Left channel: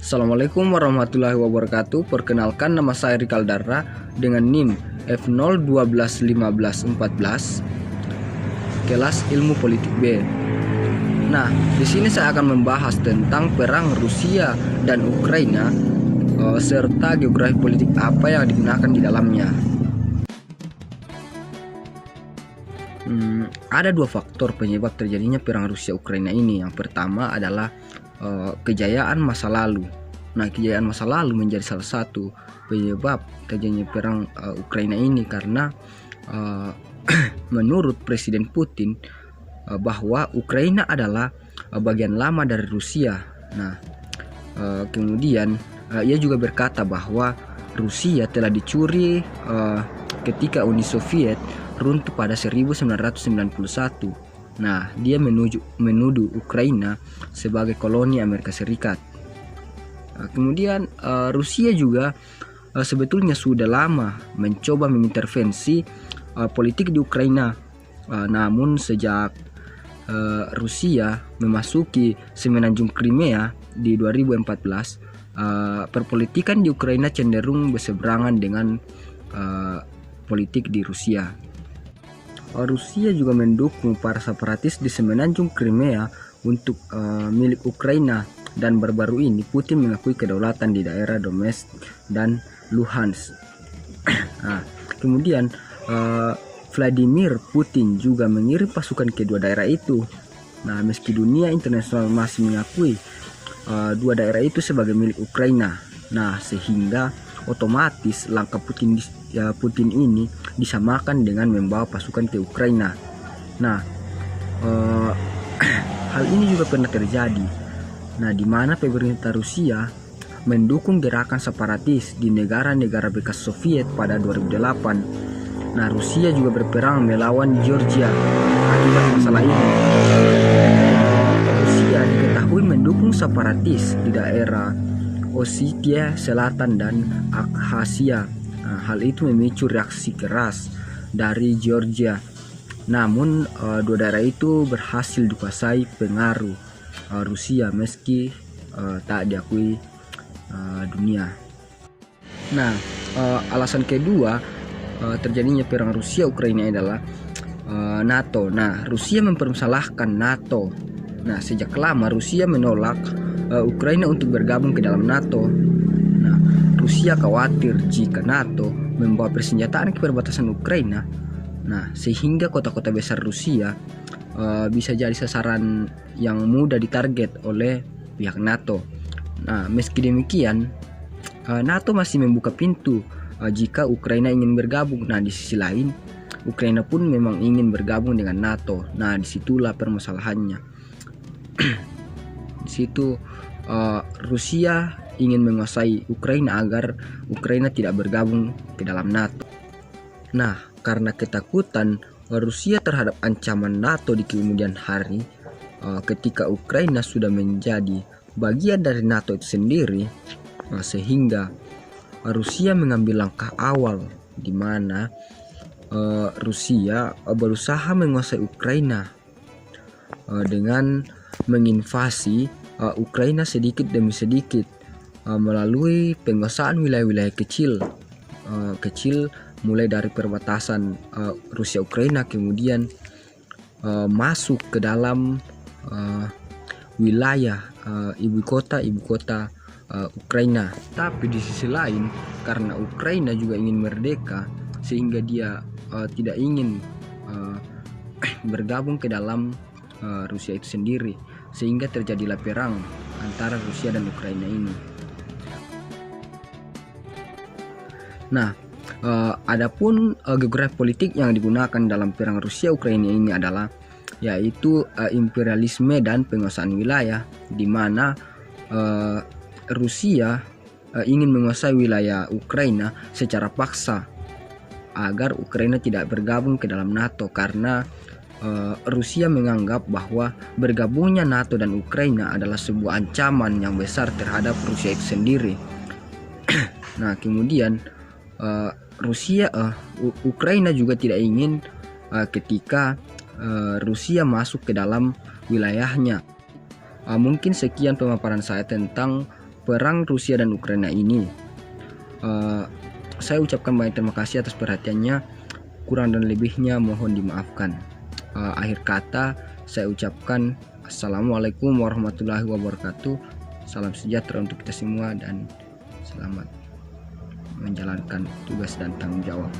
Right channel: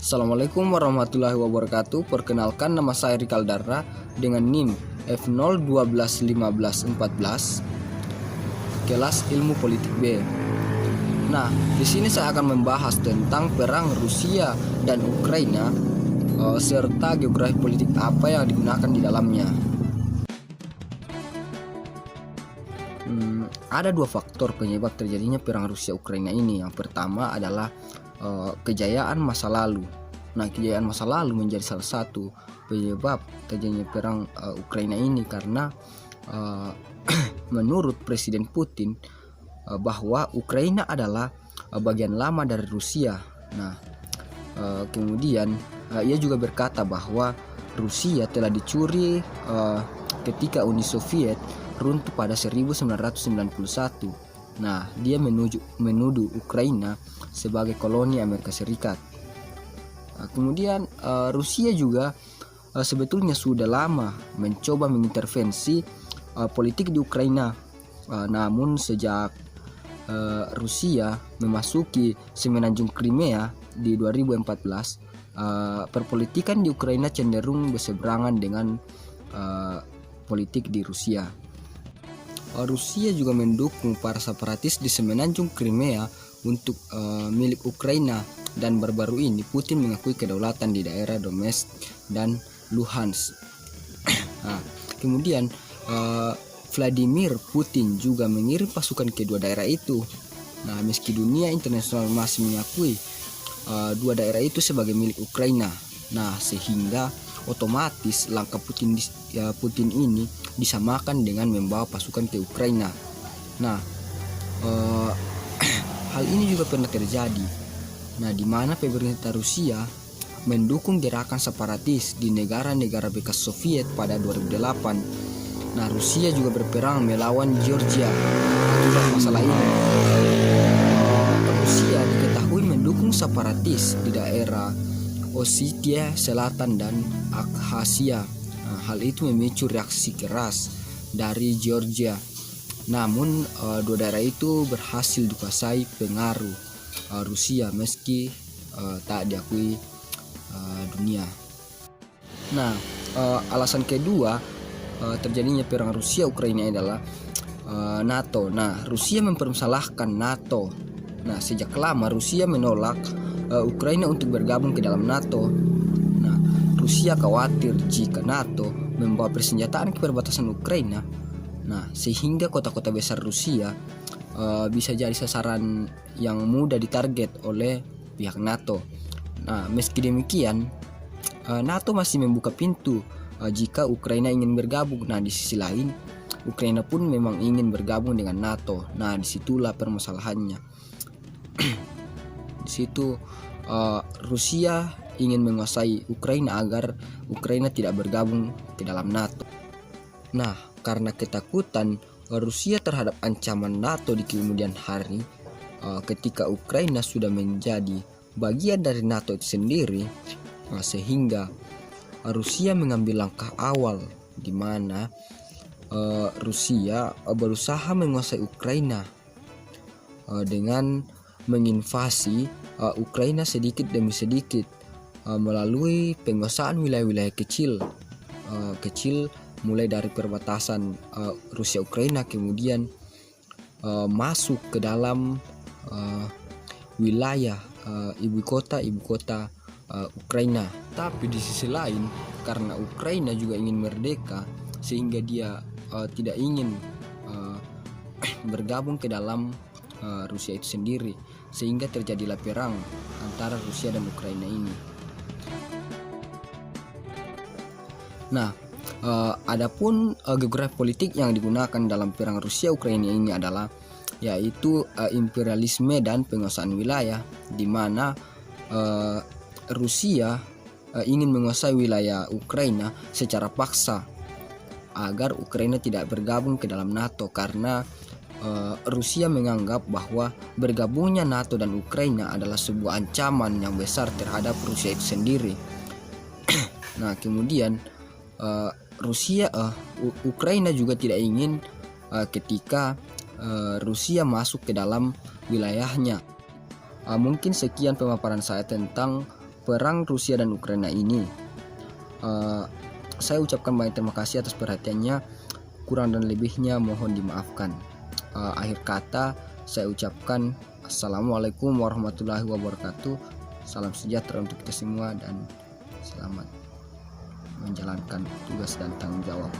Assalamualaikum warahmatullahi wabarakatuh. Perkenalkan, nama saya Rikal Darra dengan NIM F0121514 kelas Ilmu Politik B. Nah, di sini saya akan membahas tentang perang Rusia dan Ukraina serta geografi politik apa yang digunakan di dalamnya. Ada dua faktor penyebab terjadinya perang Rusia-Ukraina ini. Yang pertama adalah kejayaan masa lalu. Nah, kejayaan masa lalu menjadi salah satu penyebab terjadinya perang Ukraina ini karena menurut Presiden Putin bahwa Ukraina adalah bagian lama dari Rusia. Nah, kemudian ia juga berkata bahwa Rusia telah dicuri ketika Uni Soviet runtuh pada 1991. Nah, dia menuduh Ukraina sebagai koloni Amerika Serikat. Kemudian Rusia juga sebetulnya sudah lama mencoba mengintervensi politik di Ukraina. Namun sejak Rusia memasuki semenanjung Crimea di 2014, perpolitikan di Ukraina cenderung berseberangan dengan politik di Rusia. Rusia juga mendukung para separatis di semenanjung Crimea untuk milik Ukraina, dan baru-baru ini Putin mengakui kedaulatan di daerah Donetsk dan Luhansk. Nah, kemudian Vladimir Putin juga mengirim pasukan ke dua daerah itu. Nah, meski dunia internasional masih mengakui dua daerah itu sebagai milik Ukraina. Nah, sehingga otomatis langkah Putin ini disamakan dengan membawa pasukan ke Ukraina. Nah, hal ini juga pernah terjadi. Nah, di mana pemerintah Rusia mendukung gerakan separatis di negara-negara bekas Soviet pada 2008. Nah, Rusia juga berperang melawan Georgia akibat masalah ini. Rusia diketahui mendukung separatis di daerah Ossetia Selatan dan Abkhazia. Nah, hal itu memicu reaksi keras dari Georgia. Namun dua daerah itu berhasil dikuasai pengaruh Rusia meski tak diakui dunia. Nah, alasan kedua terjadinya perang Rusia Ukraina adalah NATO. Nah, Rusia mempermasalahkan NATO. Nah, sejak lama Rusia menolak Ukraina untuk bergabung ke dalam NATO. Nah, Rusia khawatir jika NATO membawa persenjataan ke perbatasan Ukraina. Nah, sehingga kota-kota besar Rusia bisa jadi sasaran yang mudah ditarget oleh pihak NATO. Nah, meski demikian, NATO masih membuka pintu jika Ukraina ingin bergabung. Nah, di sisi lain, Ukraina pun memang ingin bergabung dengan NATO. Nah, disitulah permasalahannya. Di situ Rusia ingin menguasai Ukraina agar Ukraina tidak bergabung ke dalam NATO. Nah, karena ketakutan Rusia terhadap ancaman NATO di kemudian hari, ketika Ukraina sudah menjadi bagian dari NATO itu sendiri, sehingga Rusia mengambil langkah awal di mana Rusia berusaha menguasai Ukraina dengan menginvasi Ukraina sedikit demi sedikit melalui penguasaan wilayah-wilayah kecil mulai dari perbatasan Rusia Ukraina, kemudian masuk ke dalam wilayah ibu kota Ukraina. Tapi di sisi lain, karena Ukraina juga ingin merdeka, sehingga dia tidak ingin bergabung ke dalam Rusia itu sendiri, sehingga terjadilah perang antara Rusia dan Ukraina ini. Nah, adapun geografi politik yang digunakan dalam perang Rusia Ukraina ini adalah yaitu imperialisme dan penguasaan wilayah, di mana Rusia ingin menguasai wilayah Ukraina secara paksa agar Ukraina tidak bergabung ke dalam NATO, karena Rusia menganggap bahwa bergabungnya NATO dan Ukraina adalah sebuah ancaman yang besar terhadap Rusia itu sendiri. Nah, kemudian Ukraina juga tidak ingin ketika Rusia masuk ke dalam wilayahnya. Mungkin sekian pemaparan saya tentang perang Rusia dan Ukraina ini. Saya ucapkan banyak terima kasih atas perhatiannya. Kurang dan lebihnya mohon dimaafkan. Akhir kata saya ucapkan assalamualaikum warahmatullahi wabarakatuh. Salam sejahtera untuk kita semua dan selamat menjalankan tugas dan tanggung jawab.